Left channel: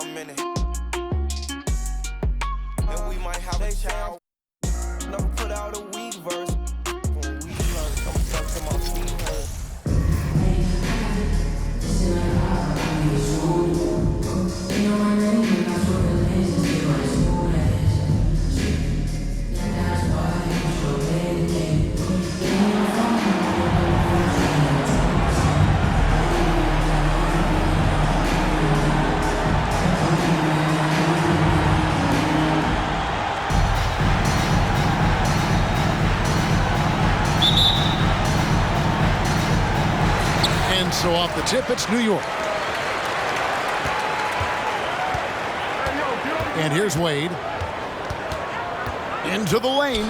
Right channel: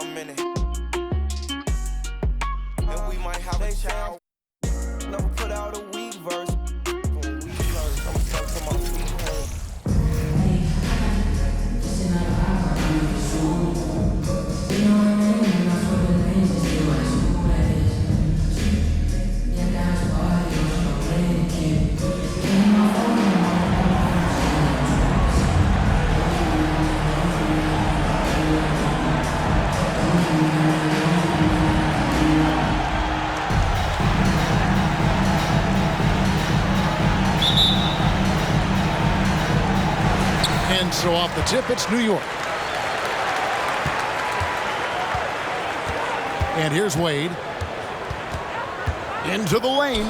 I'm in it. And we might have a child. Never put out a weak verse. When we verse, I'm stuck to my feet hurt. And so off the tip, it's New York. And here's Wade. Into the lane.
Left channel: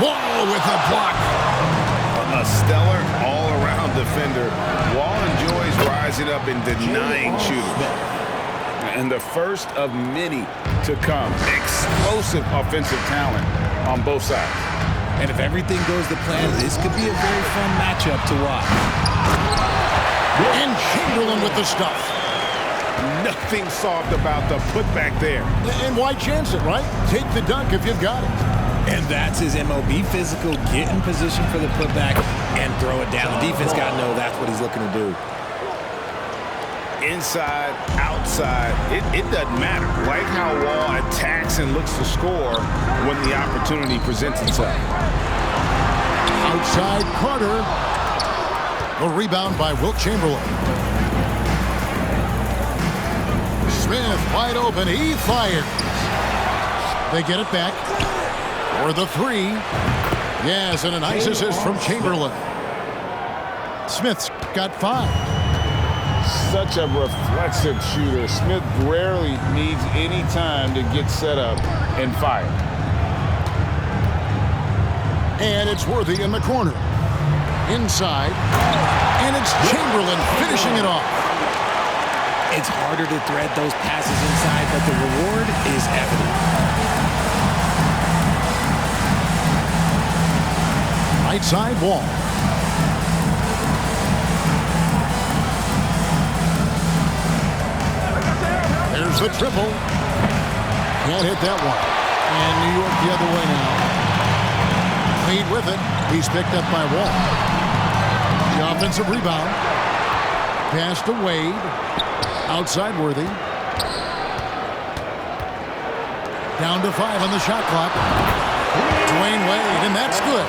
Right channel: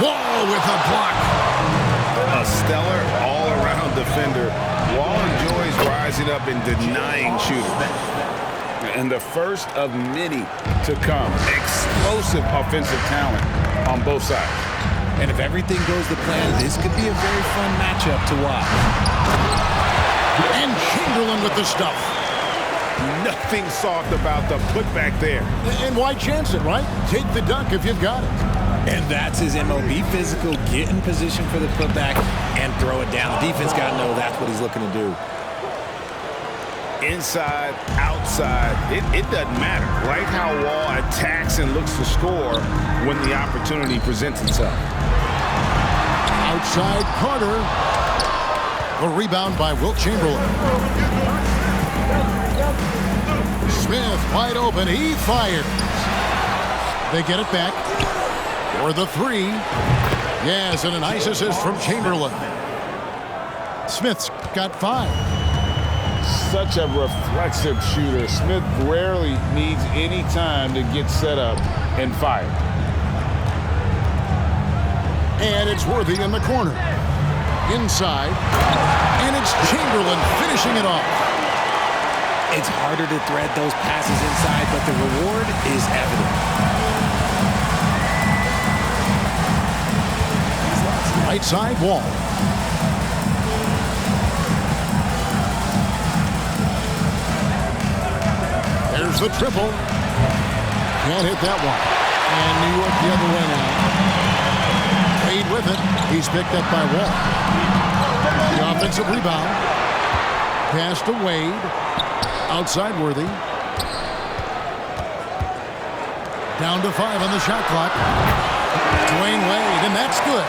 Wall with a block. A stellar all-around defender. Wall enjoys rising up and denying shooters. And the first of many to come. Explosive offensive talent on both sides. And if everything goes to plan, this could be a very fun matchup to watch. And Chamberlain with the stuff. Nothing soft about the putback there. And why chance it, right? Take the dunk if you've got it. And that's his MO. Be physical, get in position for the putback, and throw it down. The defense got to know that's what he's looking to do. Inside, outside, it doesn't matter. Like how Wall attacks and looks to score when the opportunity presents itself. Outside Carter. The rebound by Wilt Chamberlain. Smith wide open. He fires. They get it back. For the three. Yes, and a nice assist from Chamberlain. Smith's got 5. Such a reflexive shooter. Smith rarely needs any time to get set up and fire. And it's Worthy in the corner. Inside. And it's Chamberlain finishing it off. It's harder to thread those passes inside, but the reward is evident. Right side Wall. There's the triple. Can't hit that one. And New York the other way now. Wade with it. He's picked up by Wall. The offensive rebound. Pass to Wade. Outside Worthy. Down to 5 on the shot clock. Dwayne Wade, and that's good.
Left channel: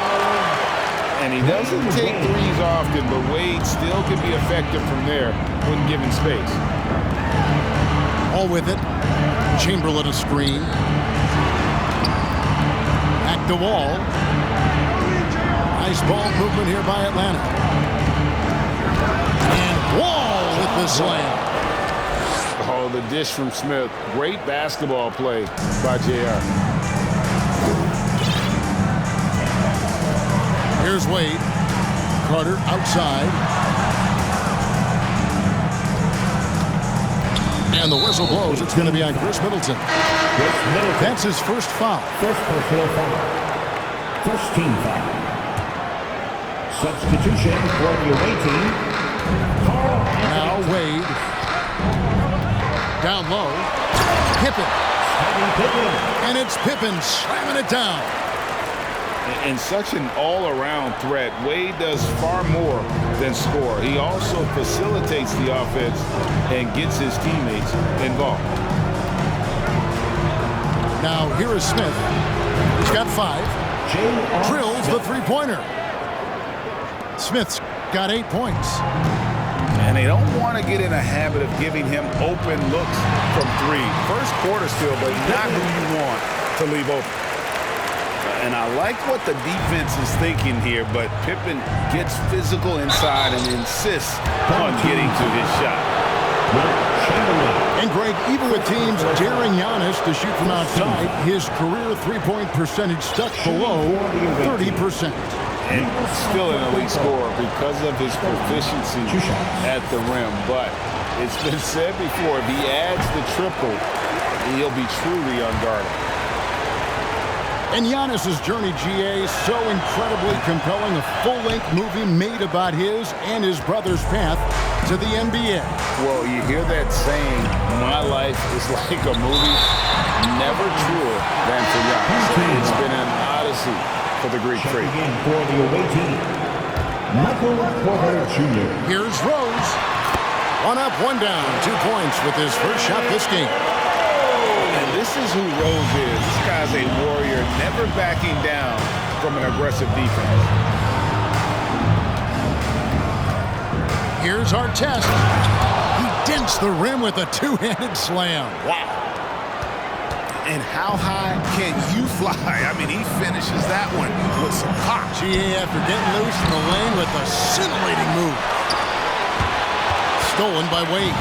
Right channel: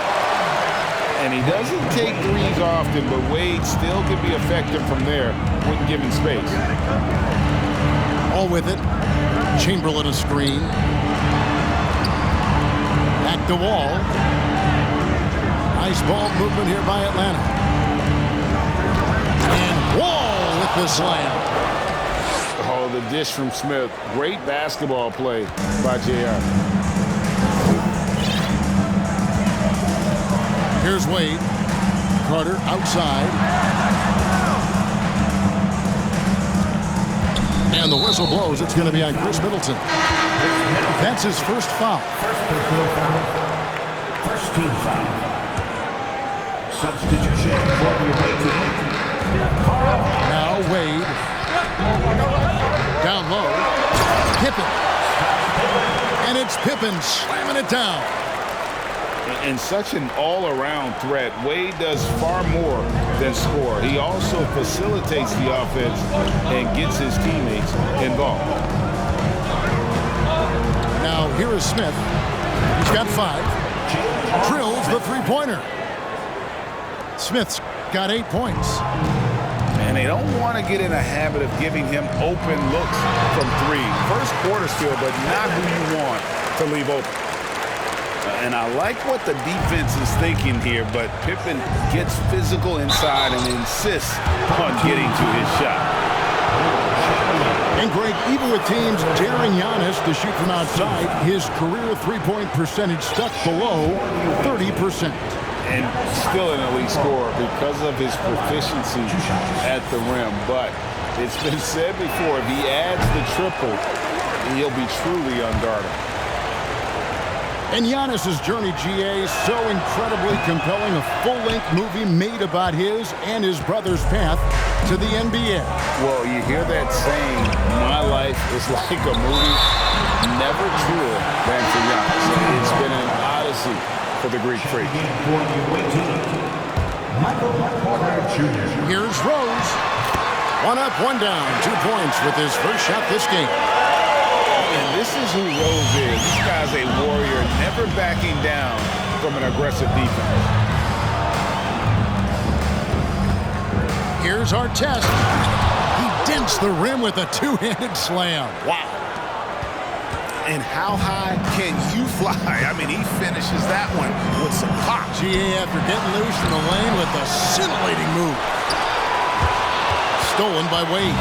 And he doesn't take threes often, but Wade still can be effective from there when given space. All with it. Chamberlain a screen. Back to Wall. Nice ball movement here by Atlanta. And Wall with the slam. Oh, the dish from Smith. Great basketball play by JR. Here's Wade. Carter outside. And the whistle blows. It's going to be on Chris Middleton. That's his first foul. First personal foul. First team foul. Substitution for the away team. Now Wade. Down low. Pippen. And it's Pippen slamming it down. And such an all-around threat. Wade does far more than score. He also facilitates the offense and gets his teammates involved. Now here is Smith. He's got 5. Drills the three-pointer. Smith's got 8 points. And they don't want to get in a habit of giving him open looks from 3. First quarter still, but not who you want to leave open. And I like what the defense is thinking here, but Pippen gets physical inside and insists on getting to his shot. And Greg, even with teams daring Giannis to shoot from outside, his career three-point percentage stuck below 30%. And still an elite scorer because of his proficiency at the rim. But it's been said before, if he adds the triple, he'll be truly unguardable. And Giannis's journey, GA, so incredibly compelling. A full-length movie made about his and his brother's path to the NBA. Well, you hear that saying, my life is like a movie. Never truer than for Giannis. It's been an odyssey for the Greek freak. Again for the away team, Michael Porter Jr. Here's Rose. 1 up, 1 down. 2 points with his first shot this game. And this is who Rose is. This guy's a warrior, never backing down from an aggressive defense. Here's Artest. He dents the rim with a two-handed slam. Wow. And how high can you fly? I mean, he finishes that one with some pop. GA after getting loose in the lane with a scintillating move. Stolen by Wade.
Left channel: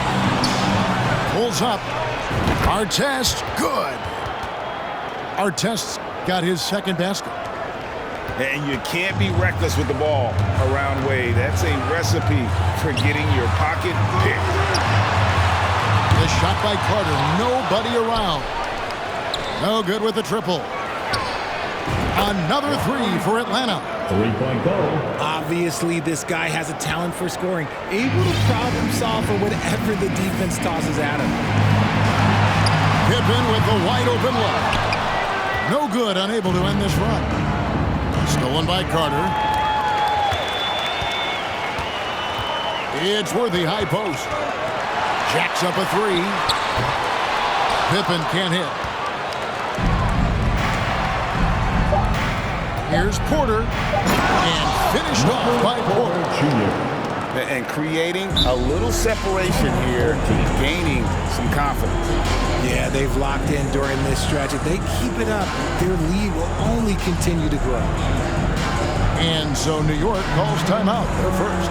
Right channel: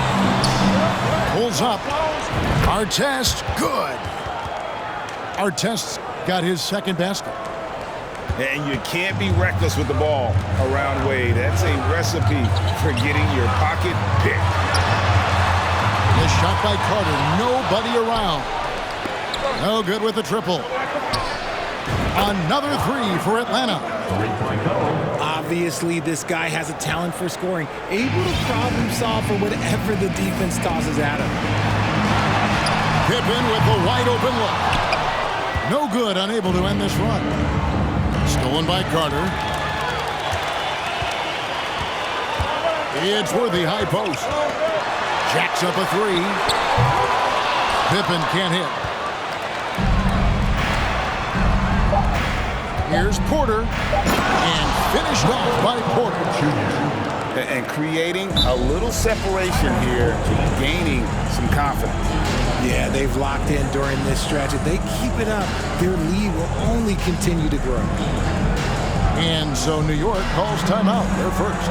Pulls up. Artest, good. Artest's got his second basket. And you can't be reckless with the ball around Wade. That's a recipe for getting your pocket picked. The shot by Carter, nobody around. No good with the triple. Another 3 for Atlanta. 3-point goal. Obviously, this guy has a talent for scoring, able to problem solve for whatever the defense tosses at him. Pippen with the wide open look. No good, unable to end this run. Stolen by Carter. It's worthy high post. Jacks up a 3. Pippen can't hit. Here's Porter. And finished off by Porter. And creating a little separation here, gaining some confidence. Yeah, they've locked in during this stretch. If they keep it up, their lead will only continue to grow. And so New York calls timeout. They're first.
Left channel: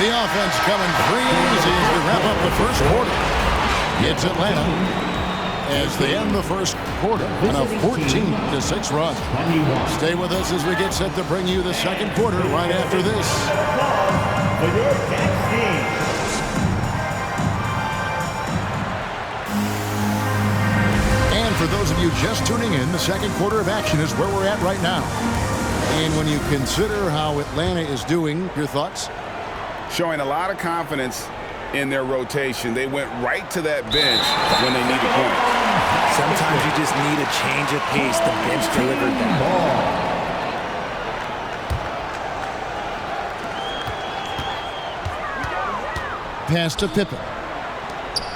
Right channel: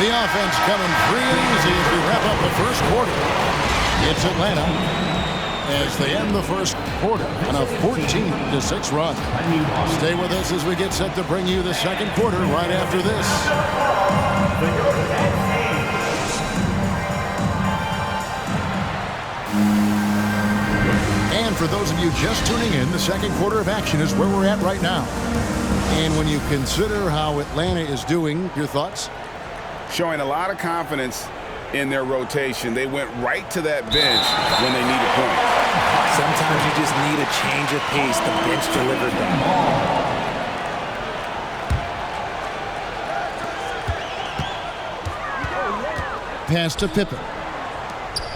The offense coming free easy as we wrap up the first quarter. It's Atlanta as they end the first quarter on a 14-6 run. Stay with us as we get set to bring you the second quarter right after this. And for those of you just tuning in, the second quarter of action is where we're at right now. And when you consider how Atlanta is doing, your thoughts? Showing a lot of confidence in their rotation. They went right to that bench when they needed points. Sometimes you just need a change of pace. The bench delivered that. Pass to Pippen.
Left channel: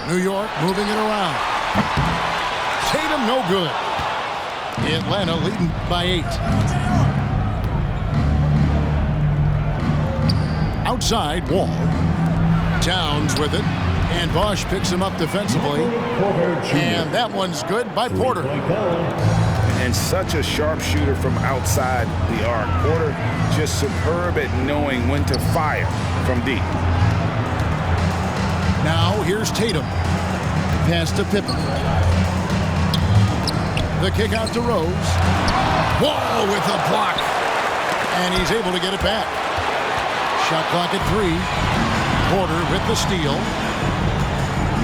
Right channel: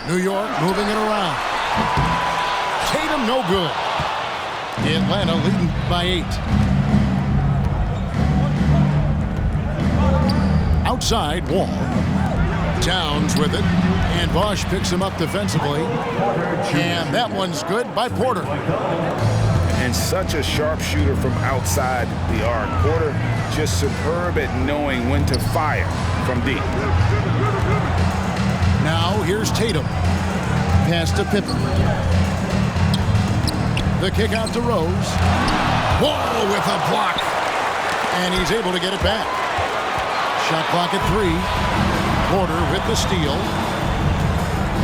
New York moving it around. Tatum no good. Atlanta leading by 8. Outside, Wall. Towns with it. And Bosch picks him up defensively. And that one's good by Porter. And such a sharp shooter from outside the arc. Porter just superb at knowing when to fire from deep. Now here's Tatum. Pass to Pippen. The kick out to Rose. Wall with a block. And he's able to get it back. Shot clock at 3. Porter with the steal.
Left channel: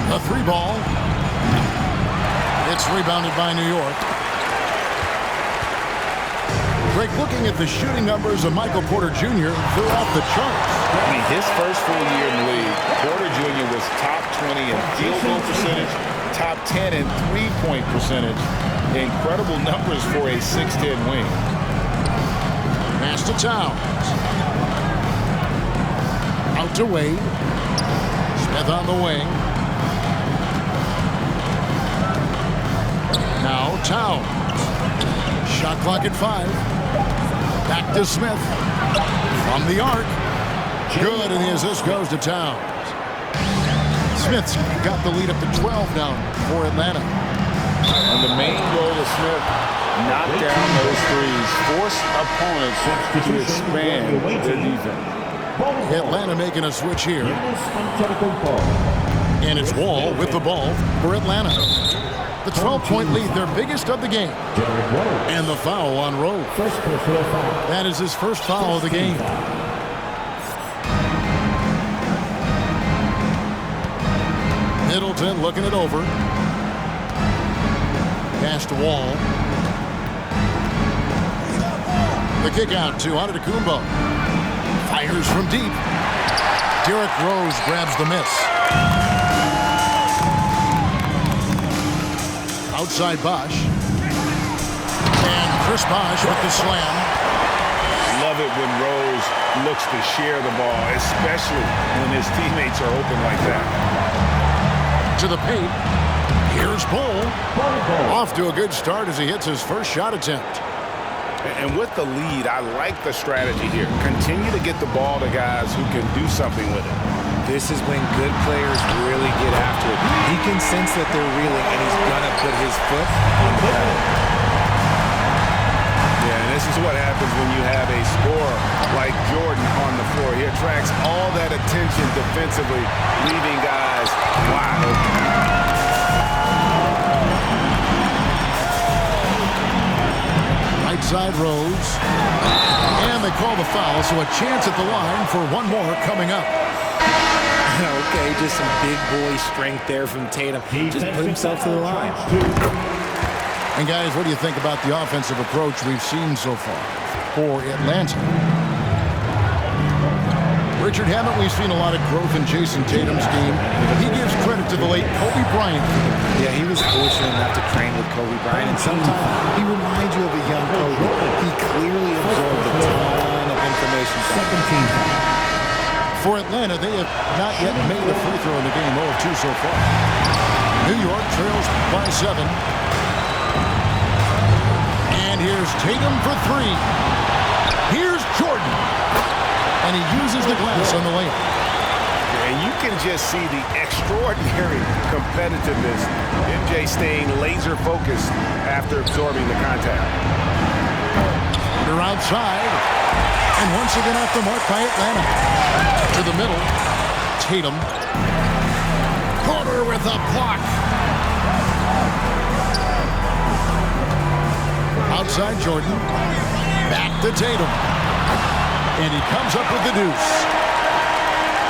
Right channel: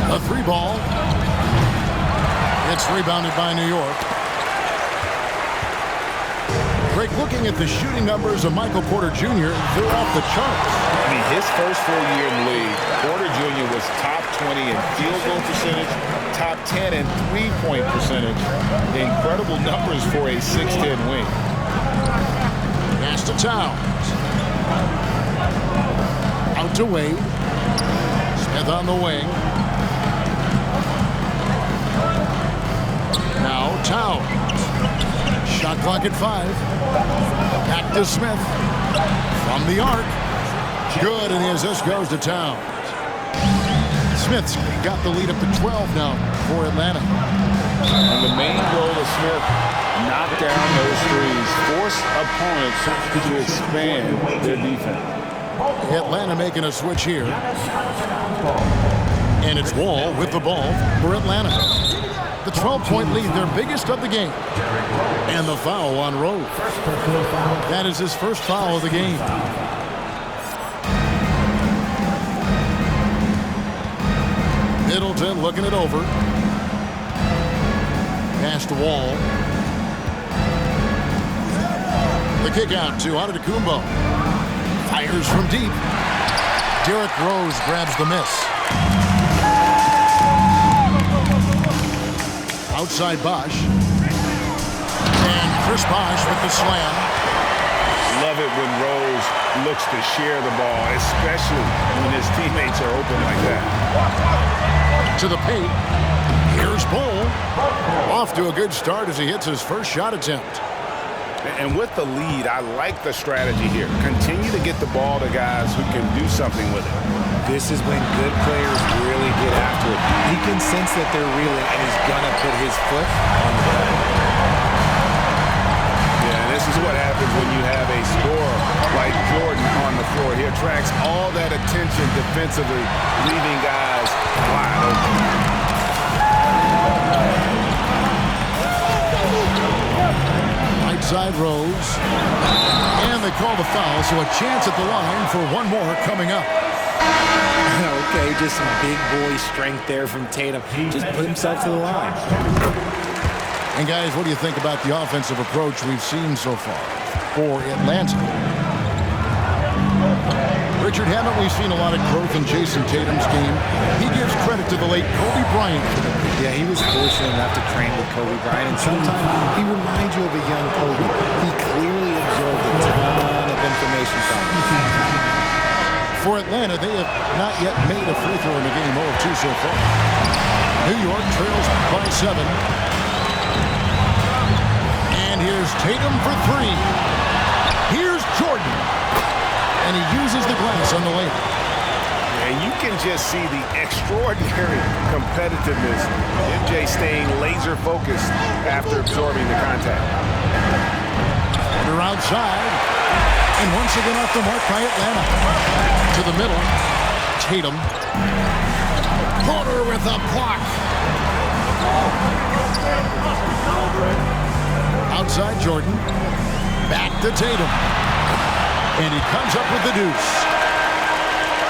A 3 ball. It's rebounded by New York. Greg, looking at the shooting numbers of Michael Porter Jr., they're off the charts. I mean, his first full year in the league, Porter Jr. was top 20 in field goal percentage, top 10 in three-point percentage. Incredible numbers for a 6'10 wing. Pass to Towns. Out to Wade. Smith on the wing. Now Towns. Shot clock at 5. Back to Smith. From the arc. Good, and the assist goes to Towns. Smith's got the lead up to 12 now for Atlanta. And the main role of Smith, knock down those threes, force opponents to expand their defense. Atlanta making a switch here. And it's Wall with the ball for Atlanta. The 12-point lead, their biggest of the game. And the foul on Rose. That is his first foul of the game. Middleton looking it over. Pass to Wall. The kick out to Antetokounmpo. Fires from deep. Derrick Rose grabs the miss. Outside Bosh. And Chris Bosh with the slam. Love it when Rose looks to share the ball, especially when his teammates are open like that. To the paint. Here's Bull. Off to a good start as he hits his first shot attempt. And with the lead, I like the strategy here. Continue to get the ball to guys who can do something with it. This is when good players really get after it. He can sense that they're reeling, and he's going to put his foot on the pedal. Yeah, and this is what happens when you have a scorer like Jordan on the floor. He attracts all that attention defensively, leaving guys wide open. Right side Rose. And they call the foul, so a chance at the line for one more coming up. Okay, just some big boy strength there from Tatum. Just put himself to the line. And guys, what do you think about the offensive approach we've seen so far for Atlanta? Richard, haven't we seen a lot of growth in Jason Tatum's game? He gives credit to the late Kobe Bryant for that. Yeah, he was fortunate enough to train with Kobe Bryant, and sometimes he reminds you of a young Kobe. He clearly absorbed a ton of information from him. For Atlanta, they have not yet made a free throw in the game, 0 of 2 so far. New York trails by 7. And here's Tatum for 3. Here's Jordan. And he uses the glass on the layup. And you can just see the extraordinary competitiveness. MJ staying laser focused after absorbing the contact. They're outside. And once again off the mark by Atlanta. To the middle. Tatum. Porter with a block. Outside Jordan. Back to Tatum. And he comes up with the deuce.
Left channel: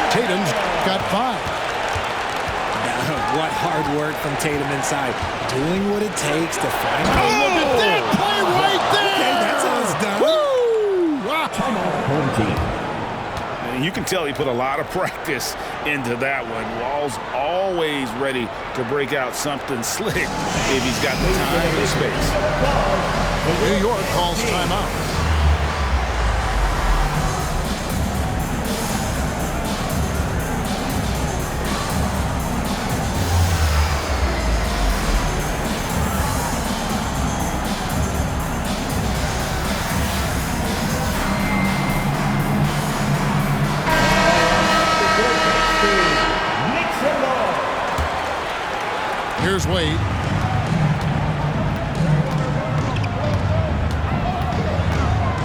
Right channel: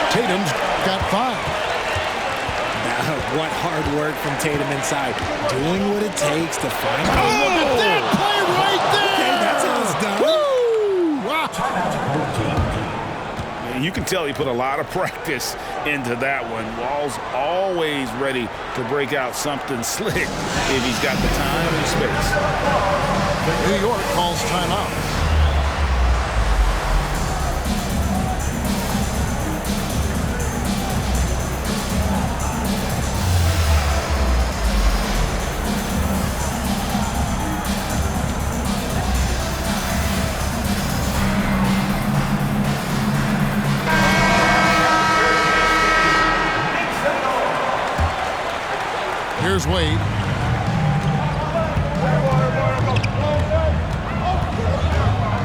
Tatum's got 5. Now, what hard work from Tatum inside. Doing what it takes to find Oh, look at that play right there! Okay, that's how it's done. Woo! Wow. Timeout, home team. And you can tell he put a lot of practice into that one. Wall's always ready to break out something slick if he's got the time and space. New York calls timeout. Here's Wade.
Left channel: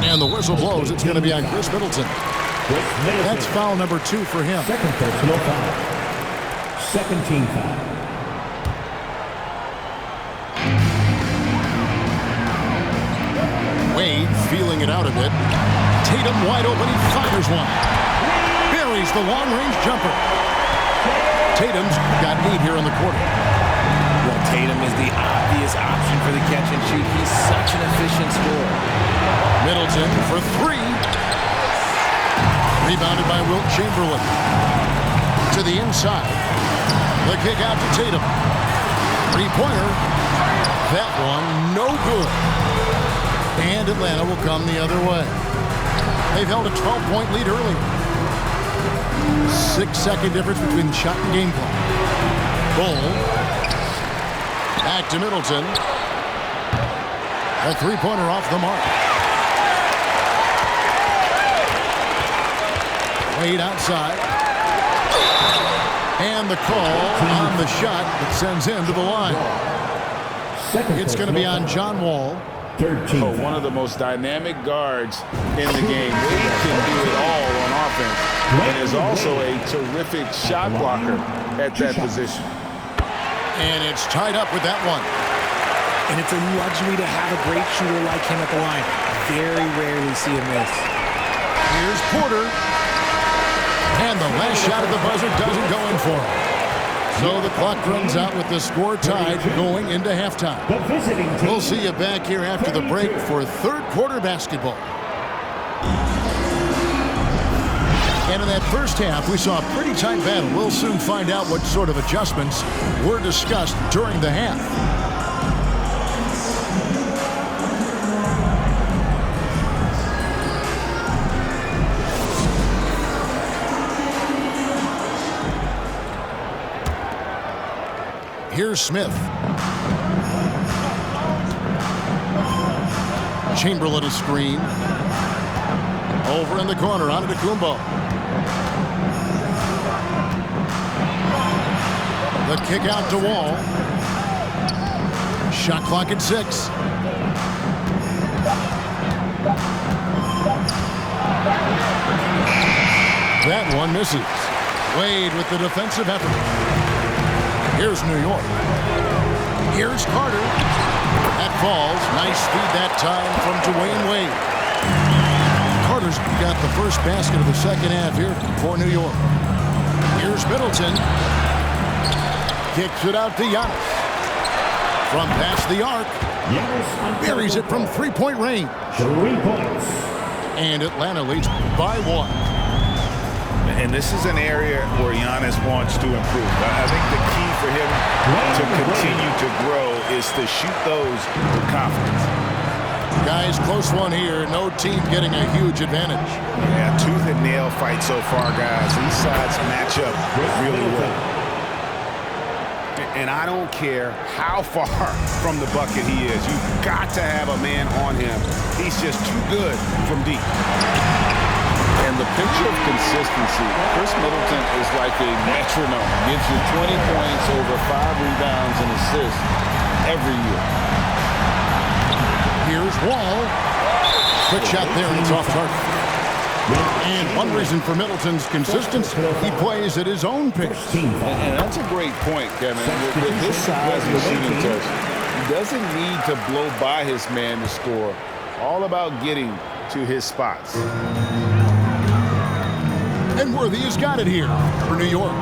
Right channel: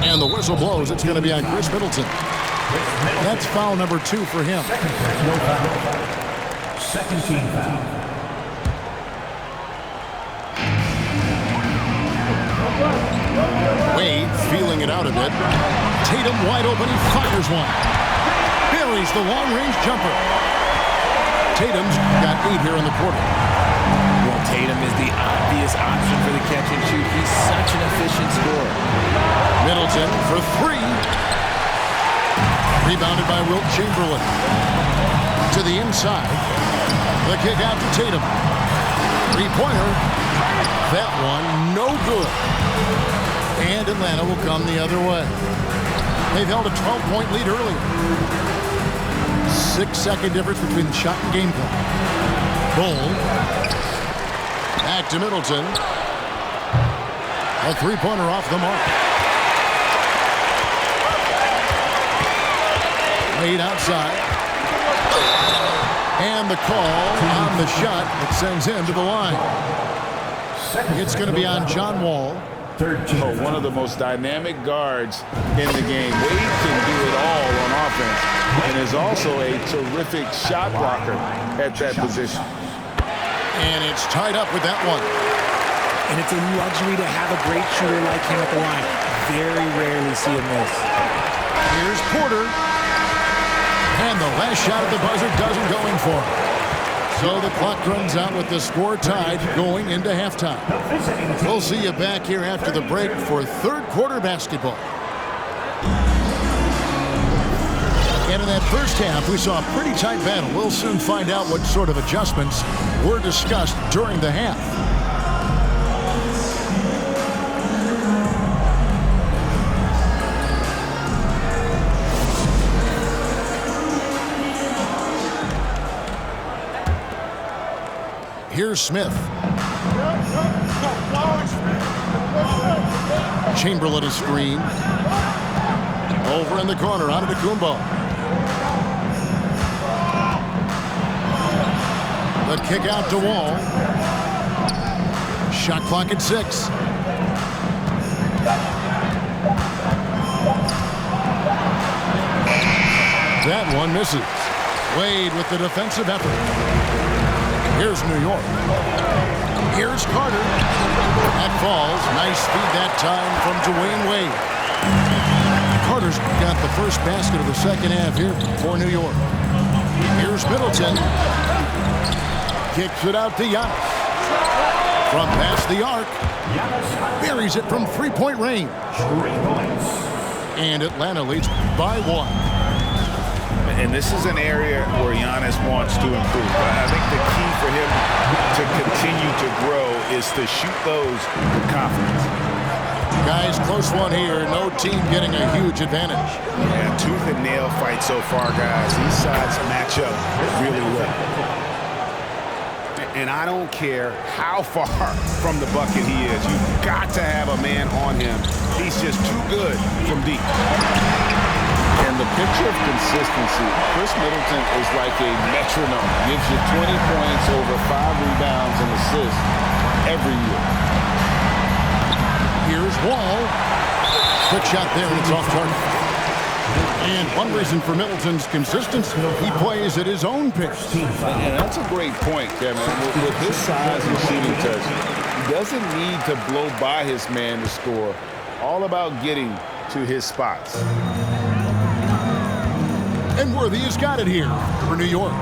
And the whistle blows. It's going to be on Chris Middleton. That's foul number 2 for him. Second personal foul. Second team foul. Wade feeling it out a bit. Tatum wide open. He fires one. Buries the long-range jumper. Tatum's got 8 here in the quarter. Well, Tatum is the obvious option for the catch and shoot. He's such an efficient scorer. Middleton for 3. Rebounded by Wilt Chamberlain. To the inside. The kick out to Tatum. 3-pointer. That one no good. And Atlanta will come the other way. They've held a 12-point lead earlier. 6-second difference between the shot and game clock. Bull. Back to Middleton. A 3-pointer off the mark. Wade outside. And the call on the shot that sends him to the line. It's going to be on John Wall. Oh, one of the most dynamic guards in the game. Wade can do it all on offense and is also a terrific shot blocker at that position. And it's tied up with that one. And it's a luxury to have a great shooter like him at the line. Very rarely see him miss. Here's Porter. And the last shot at the buzzer doesn't go in for him. So the clock runs out with the score tied going into halftime. We'll see you back here after the break for third quarter basketball. And in that first half, we saw a pretty tight battle. We'll soon find out what sort of adjustments were discussed during the half. Here's Smith. Chamberlain a screen. Over in the corner, on to Kumbo. The kick out to Wall. Shot clock at 6. That one misses. Wade with the defensive effort. Here's New York. Here's Carter. That falls. Nice feed that time from Dwayne Wade. Carter's got the first basket of the second half here for New York. Here's Middleton. Kicks it out to Giannis. From past the arc. Buries it from three-point range. 3 points. And Atlanta leads by 1. And this is an area where Giannis wants to improve. I think the key for him to continue to grow is to shoot those with confidence. Guys, close one here. No team getting a huge advantage. Yeah, tooth and nail fight so far, guys. These sides match up really well. And I don't care how far from the bucket he is. You've got to have a man on him. He's just too good from deep. And the picture of consistency, Chris Middleton is like a metronome. Gives you 20 points, over 5 rebounds and assists every year. Here's Wall. Quick shot there, and it's off target. And one reason for Middleton's consistency, he plays at his own pace. And that's a great point, Kevin. With his size and shooting touch, he doesn't need to blow by his man to score. All about getting to his spots. And Worthy has got it here for New York.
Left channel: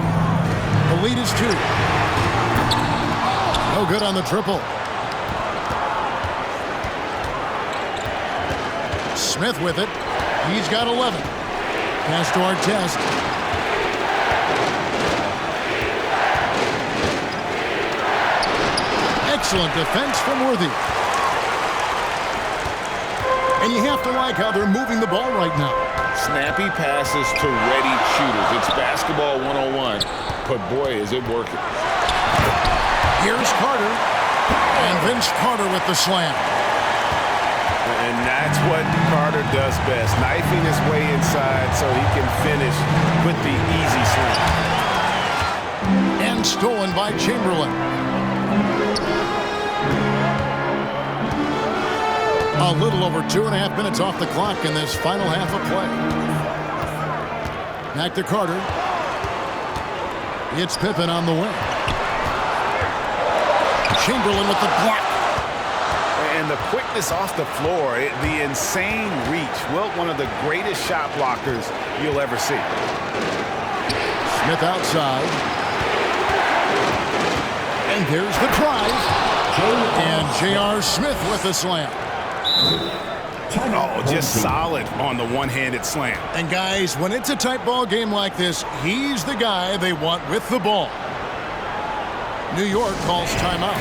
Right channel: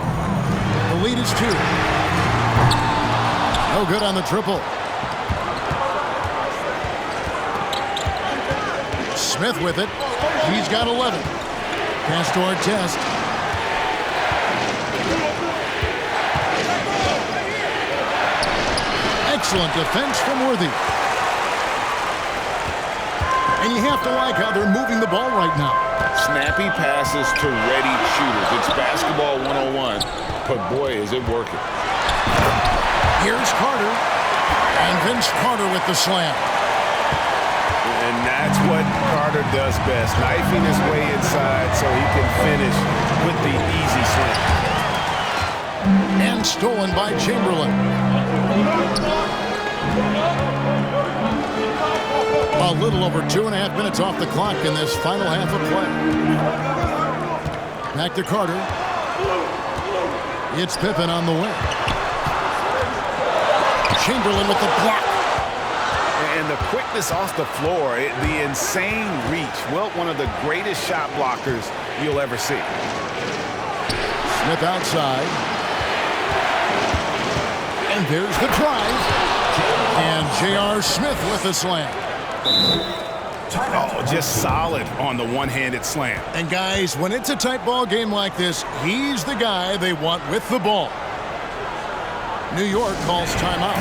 The lead is 2. No good on the triple. Smith with it. He's got 11. Pass to Artest. Excellent defense from Worthy. And you have to like how they're moving the ball right now. Snappy passes to ready shooters. It's basketball 101, but boy, is it working. Here's Carter. And Vince Carter with the slam. And that's what Carter does best, knifing his way inside so he can finish with the easy slam. And stolen by Chamberlain. A little over 2.5 minutes off the clock in this final half of play. Back to Carter. It's Pippen on the wing. Chamberlain with the block. And the quickness off the floor, the insane reach. Wilt, one of the greatest shot blockers you'll ever see. Smith outside. And there's the drive. And J.R. Smith with the slam. Oh, just solid on the one-handed slam. And guys, when it's a tight ball game like this, he's the guy they want with the ball. New York calls timeout.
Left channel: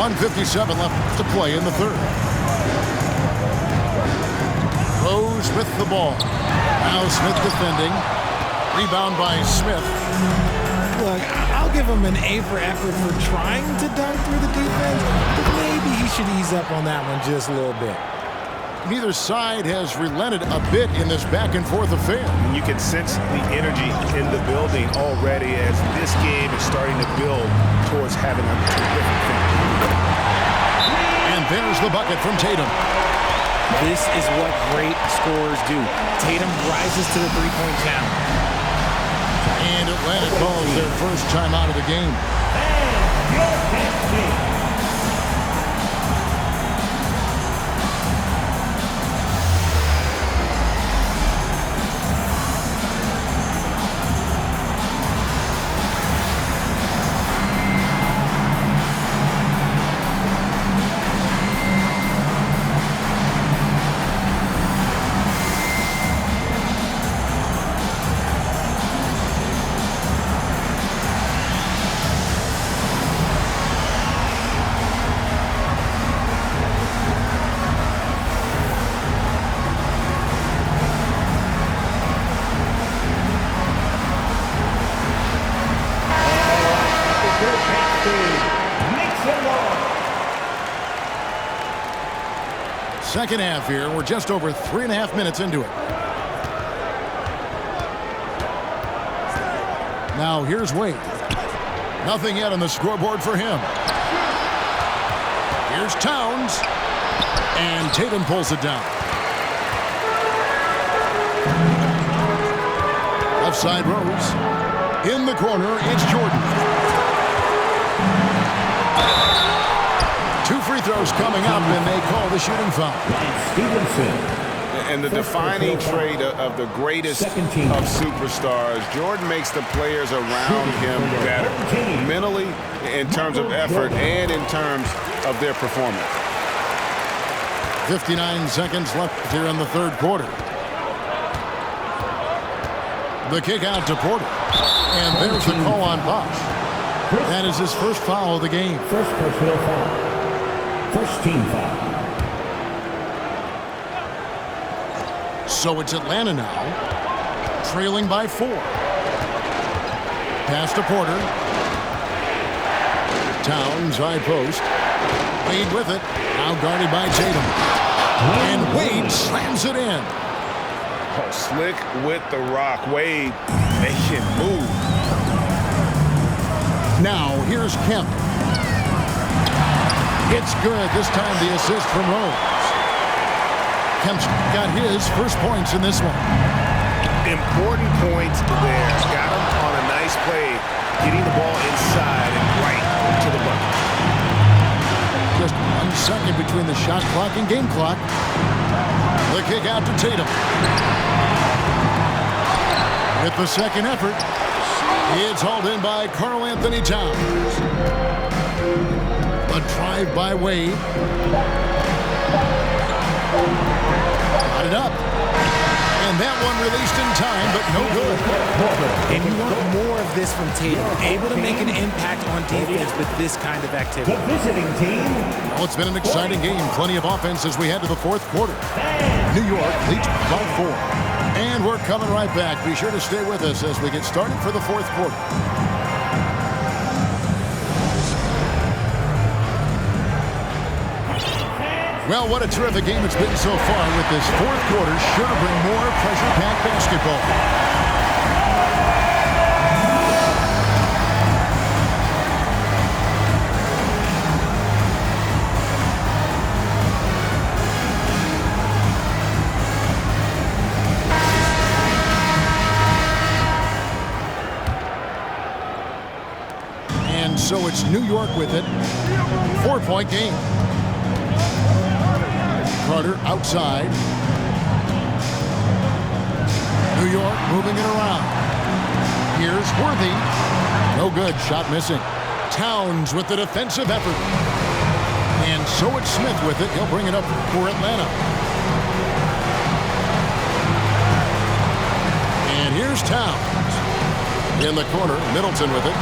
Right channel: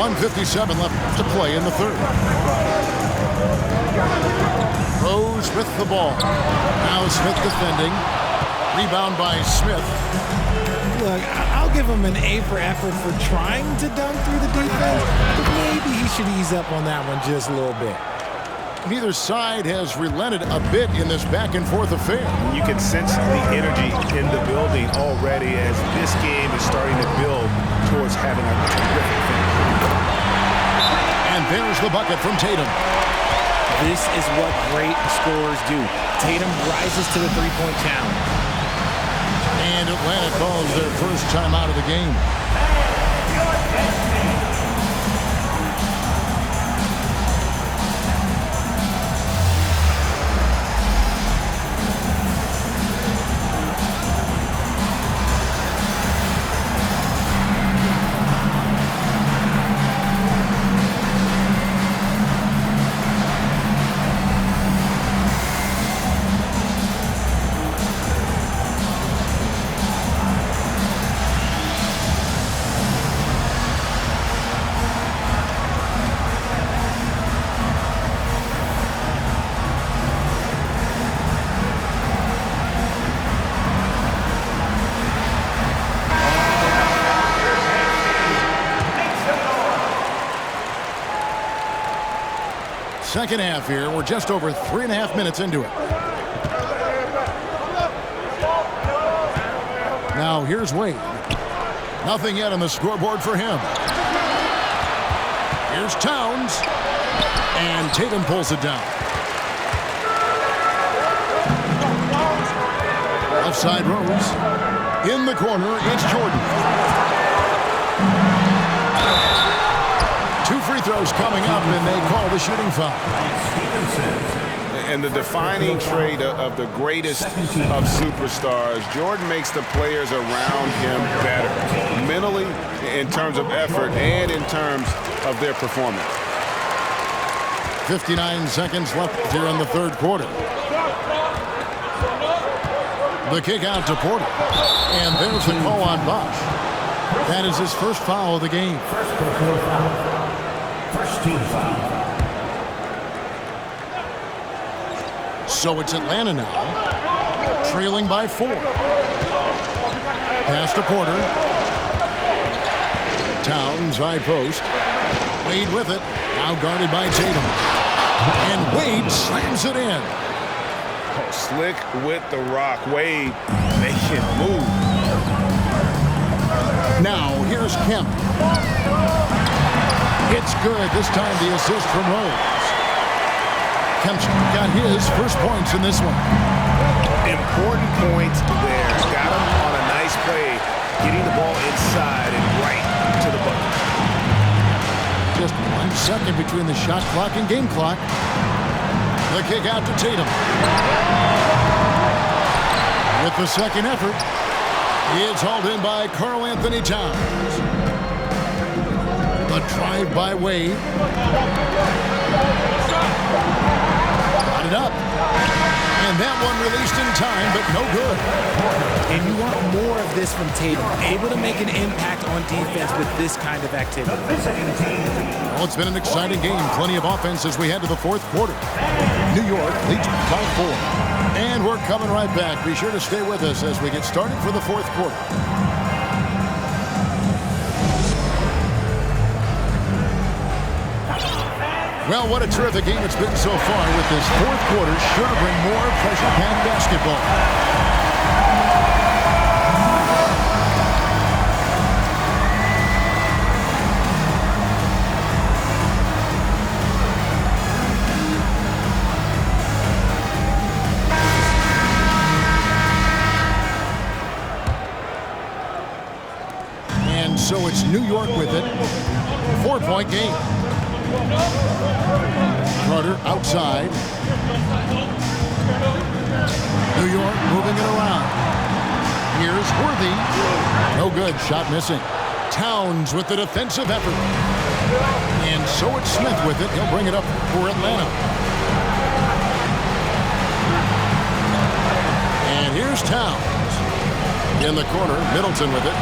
1:57 left to play in the third. Rose with the ball. Now Smith defending. Rebound by Smith. Look, I'll give him an A for effort for trying to dunk through the defense, but maybe he should ease up on that one just a little bit. Neither side has relented a bit in this back-and-forth affair. You can sense the energy in the building already as this game is starting to build towards having a terrific finish. And there's the bucket from Tatum. This is what great scorers do. Tatum rises to the three-point challenge. And Atlanta calls their first time out of the game. Second half here. We're just over 3.5 minutes into it. Now here's Wade. Nothing yet on the scoreboard for him. Here's Towns. And Tatum pulls it down. Left side Rose. In the corner, it's Jordan. 2 free throws coming up, and they call the shooting foul. Stevenson. And the defining trait of the greatest of superstars, Jordan makes the players around him better, mentally, in terms of effort, and in terms of their performance. 59 seconds left here in the third quarter. The kick out to Porter. And there's the call on Bosch. That is his first foul of the game. First personal foul. First team foul. So it's Atlanta now, trailing by 4. Pass to Porter. Towns, high post. Wade with it. Now guarded by Tatum. And Wade slams it in. Oh, slick with the rock. Wade making move. Now here's Kemp. It's good. This time the assist from Rose. Kemp's got his first points in this one. Important points there. Got him on a nice play, getting the ball inside and right to the bucket. Just 1 second between the shot clock and game clock. The kick out to Tatum. With the second effort, it's hauled in by Karl Anthony Towns. A drive by Wade. Got it up. And that one released in time, but no good. And you want more of this from Tatum, able to make an impact on defense with this kind of activity. The visiting team. Well, it's been an exciting game. Plenty of offense as we head to the fourth quarter. New York leads by 4. And we're coming right back. Be sure to stay with us as we get started for the fourth quarter. Well, what a terrific game it's been so far with this fourth quarter. Sure to bring more pressure-packed basketball. And so it's New York with it. 4-point game. Carter outside. New York moving it around. Here's Worthy. No good. Shot missing. Towns with the defensive effort. And so it's Smith with it. He'll bring it up for Atlanta. And here's Towns. In the corner, Middleton with it.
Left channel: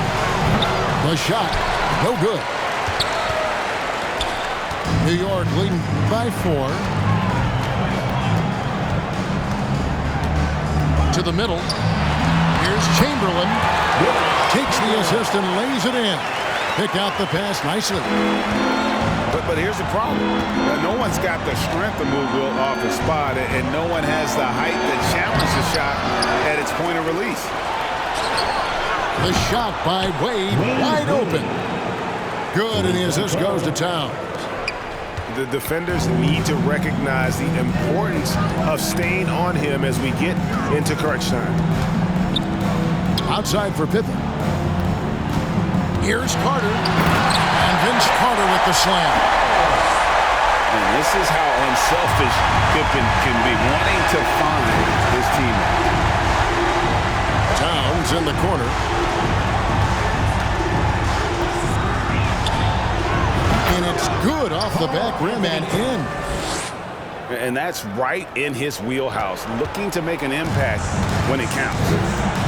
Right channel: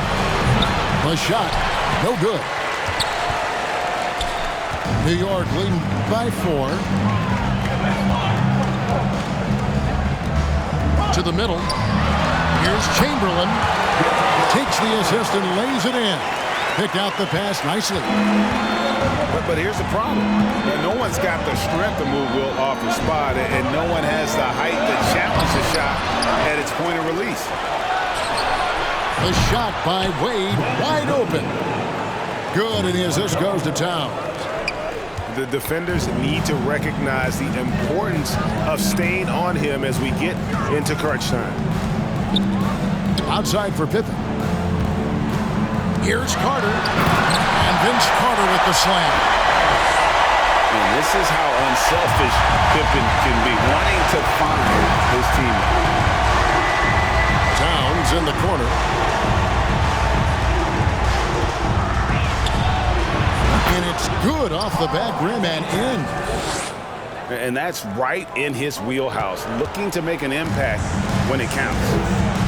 The shot. No good. New York leading by 4. To the middle. Here's Chamberlain. Takes the assist and lays it in. Picked out the pass nicely. But here's the problem. No one's got the strength to move Will off his spot, and no one has the height to challenge the shot at its point of release. The shot by Wade, wide open. Good, and the assist goes to Towns. The defenders need to recognize the importance of staying on him as we get into crunch time. Outside for Pippen. Here's Carter. And Vince Carter with the slam. And this is how unselfish Pippen can be, wanting to find his teammate. Towns in the corner. And it's good off the back rim and in. And that's right in his wheelhouse, looking to make an impact when it counts.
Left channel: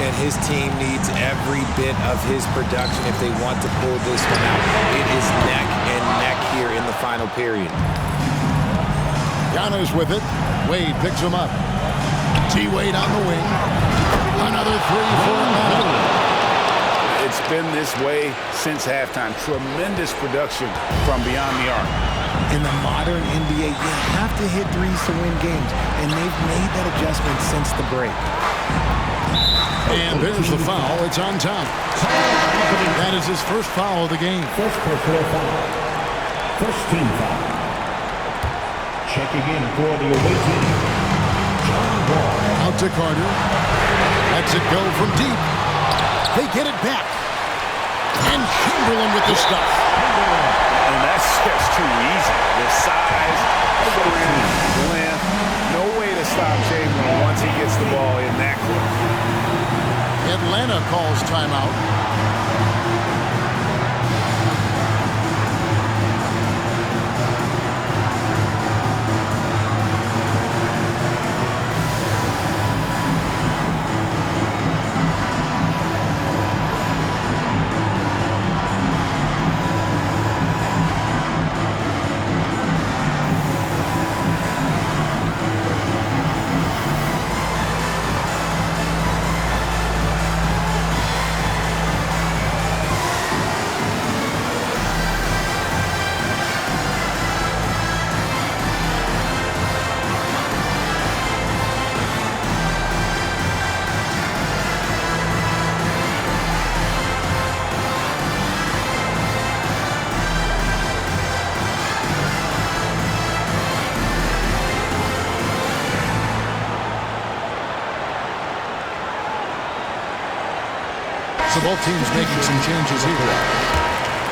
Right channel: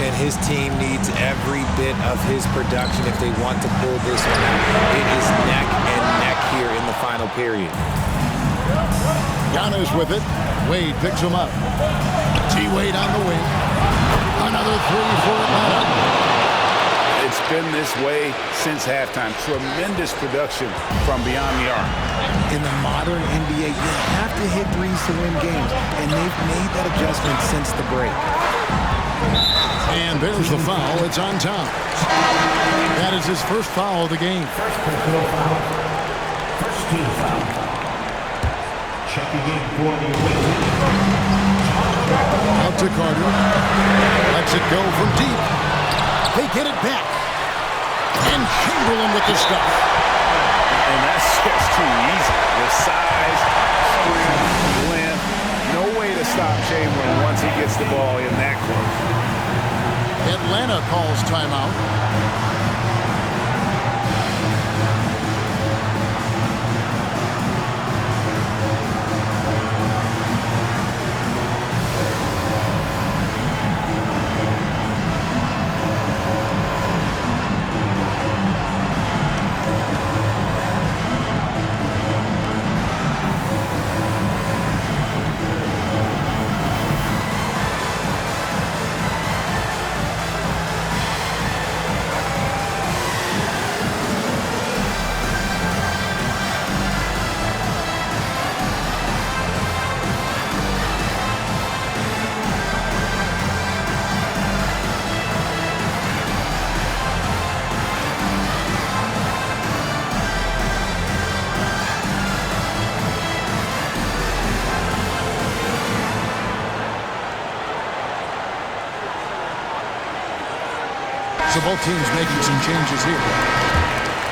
And his team needs every bit of his production if they want to pull this one out. It is neck and neck here in the final period. Giannis with it. Wade picks him up. T-Wade on the wing. Another three for Atlanta. It's been this way since halftime. Tremendous production from beyond the arc. In the modern NBA, you have to hit threes to win games, and they've made that adjustment since the break. And there's the foul. It's on Towns. That is his first foul of the game. First personal foul. First team foul. Checking in for the away team. Out to Carter. Lets it go from deep. They get it back. And Chamberlain with the stuff. And that's just too easy. The size, strength, length. No way to stop Chamberlain once he gets the ball in that close. Atlanta calls timeout. So both teams making some changes here.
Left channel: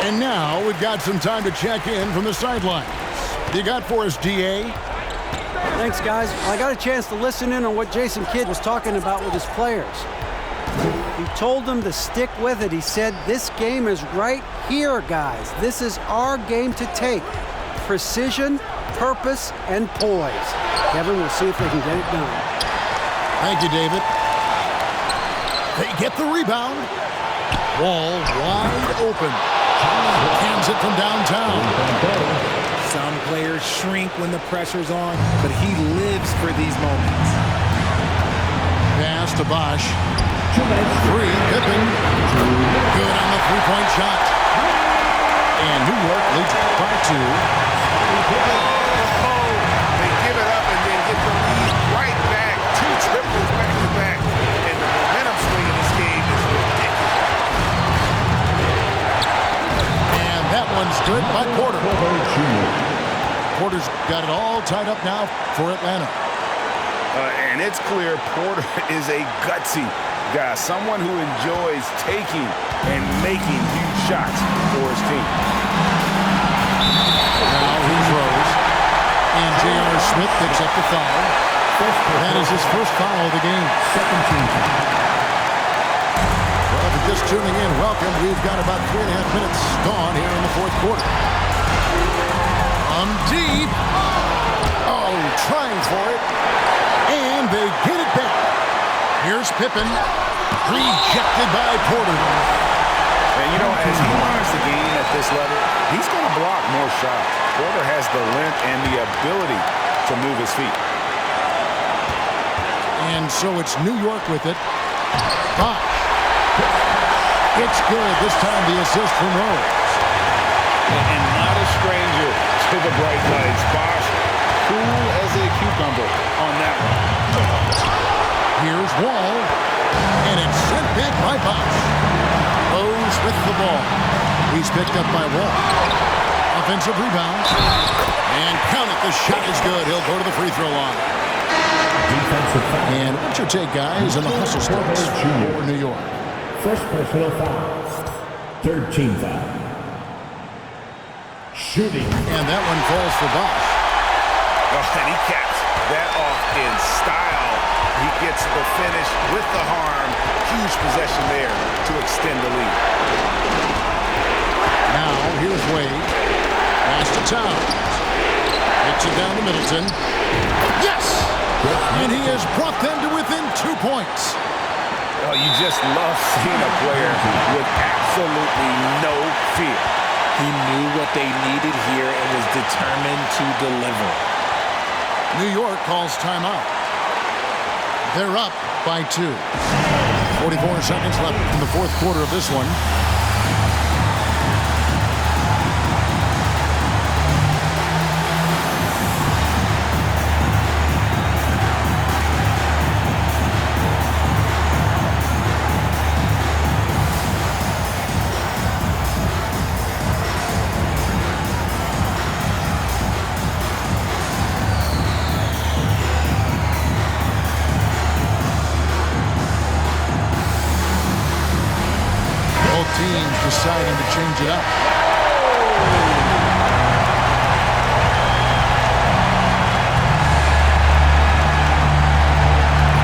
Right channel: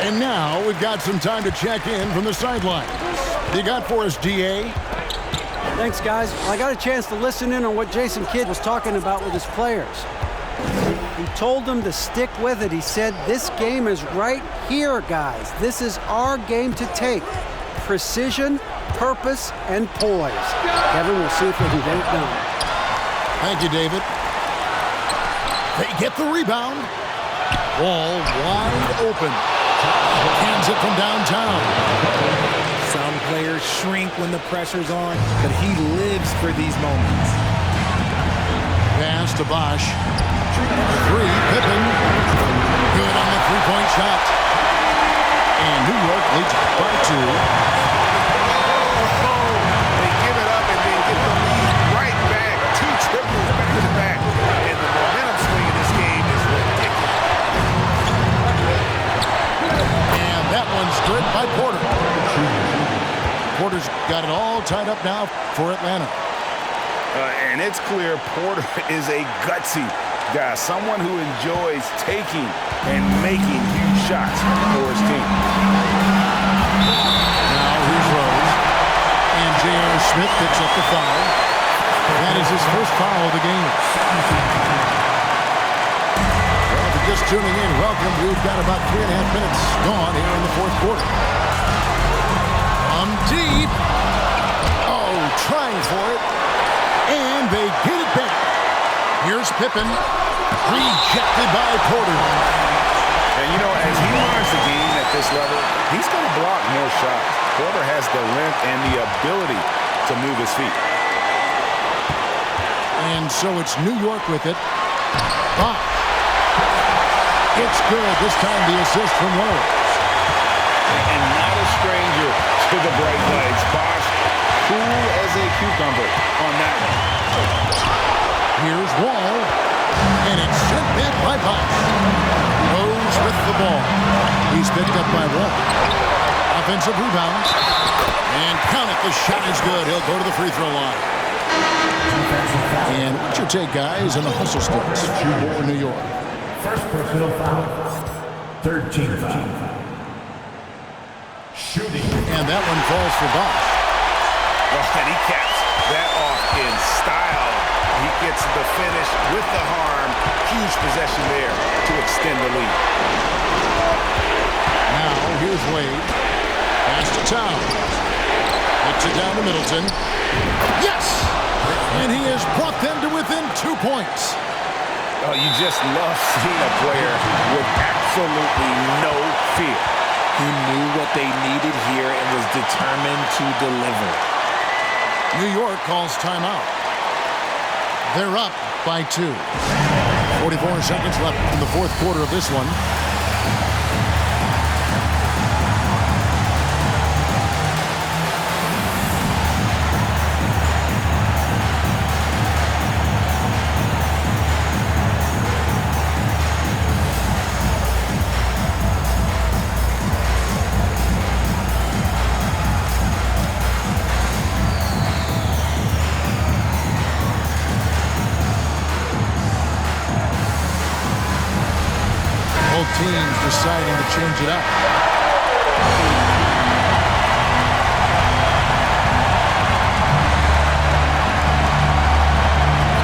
And now we've got some time to check in from the sidelines. You got for us, DA? Thanks, guys. I got a chance to listen in on what Jason Kidd was talking about with his players. He told them to stick with it. He said, this game is right here, guys. This is our game to take. Precision, purpose, and poise. Kevin, we'll see if they can get it done. Thank you, David. They get the rebound. Wall wide open. Cans it from downtown. Some players shrink when the pressure's on, but he lives for these moments. Pass to Bosch. Three, Pippen. Good on the three-point shot. And New York leads by 2. Oh, they give it up and then get the lead right back. 2 triples back to back. And the momentum swing in this game is ridiculous. And that one's good by Porter. Porter's got it all tied up now for Atlanta. And it's clear Porter is a gutsy guy, someone who enjoys taking and making huge shots for his team. Now here's Rose. And J.R. Smith picks up the foul. That is his first foul of the game. Second team foul. Well, if you're just tuning in, welcome. We've got about 3.5 minutes gone here in the fourth quarter. From deep. Oh, trying for it. And they get it back. Here's Pippen. Rejected by Porter. And, you know, as he learns the game at this level, he's going to block more shots. Porter has the length and the ability to move his feet. And so it's New York with it. Bosh. It's good. This time the assist from Rose. And not a stranger to the bright lights. Bosh, cool as a cucumber on that one. Here's Wall. And it's sent back by Bosh. Rose with the ball. He's picked up by Wall. Offensive rebound. And count it. The shot is good. He'll go to the free throw line. And what's your take, guys, in the hustle sticks for New York? First personal foul. Third team foul. Shooting. And that one falls for Bosh. Oh, and he caps that off in style. He gets the finish with the harm. Huge possession there to extend the lead. Now, here's Wade. Pass to Towns. Hits it down to Middleton. Yes! And he has brought them to within 2 points. Oh, you just love seeing a player with absolutely no fear. He knew what they needed here and was determined to deliver. New York calls timeout. They're up by 2. 44 seconds left in the fourth quarter of this one. Both teams deciding to change it up.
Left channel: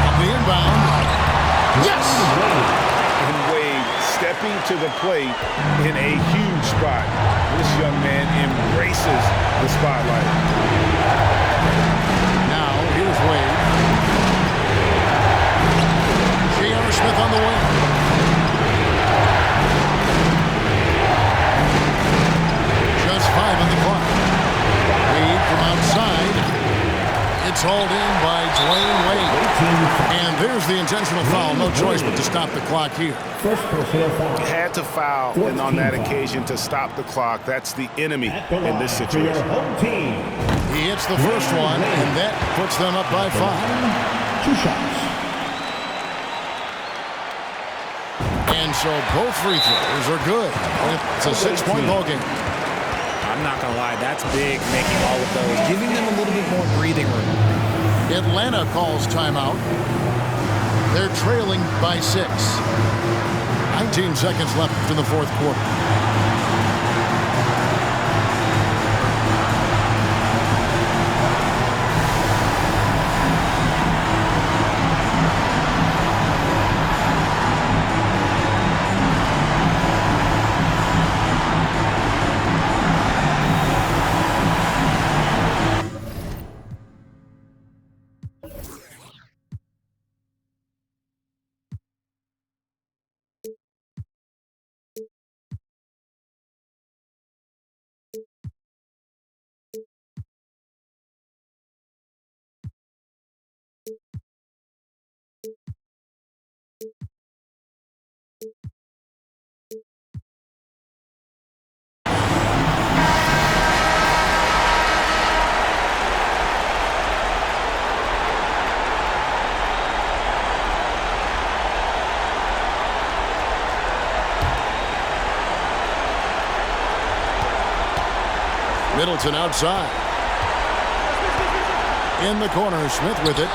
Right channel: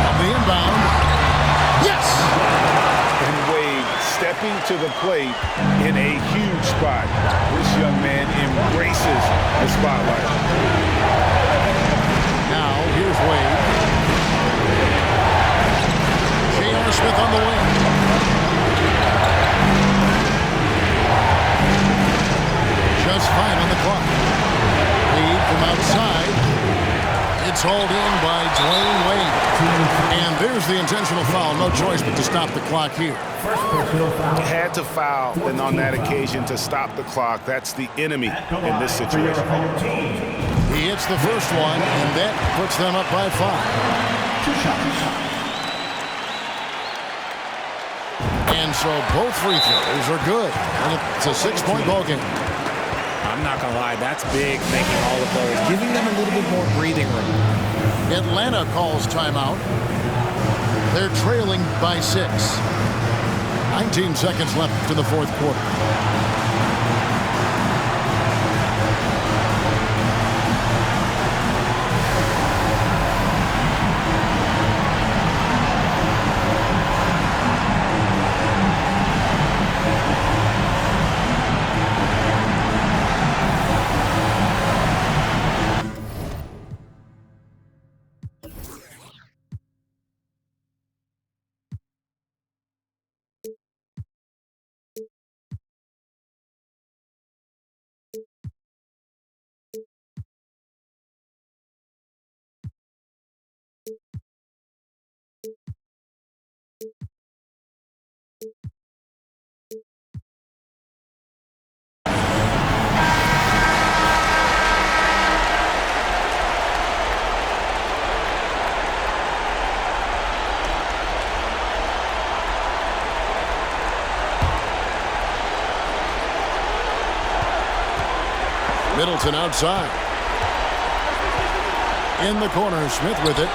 On the inbound. Yes! And Wade stepping to the plate in a huge spot. This young man embraces the spotlight. Now, here's Wade. J.R. Smith on the wing. Just 5 on the clock. Wade from outside. It's hauled in by Dwayne Wade. And there's the intentional foul. No choice but to stop the clock here. First personal foul. Had to foul, and on that occasion to stop the clock. That's the enemy in this situation. He hits the first one, and that puts them up by 5. 2 shots. And so both free throws are good. And it's a 6-point ball game. I'm not going to lie, that's big, making all of those, giving them a little bit more breathing room. Atlanta calls timeout. They're trailing by 6. 19 seconds left in the fourth quarter. Middleton outside. In the corner, Smith with it.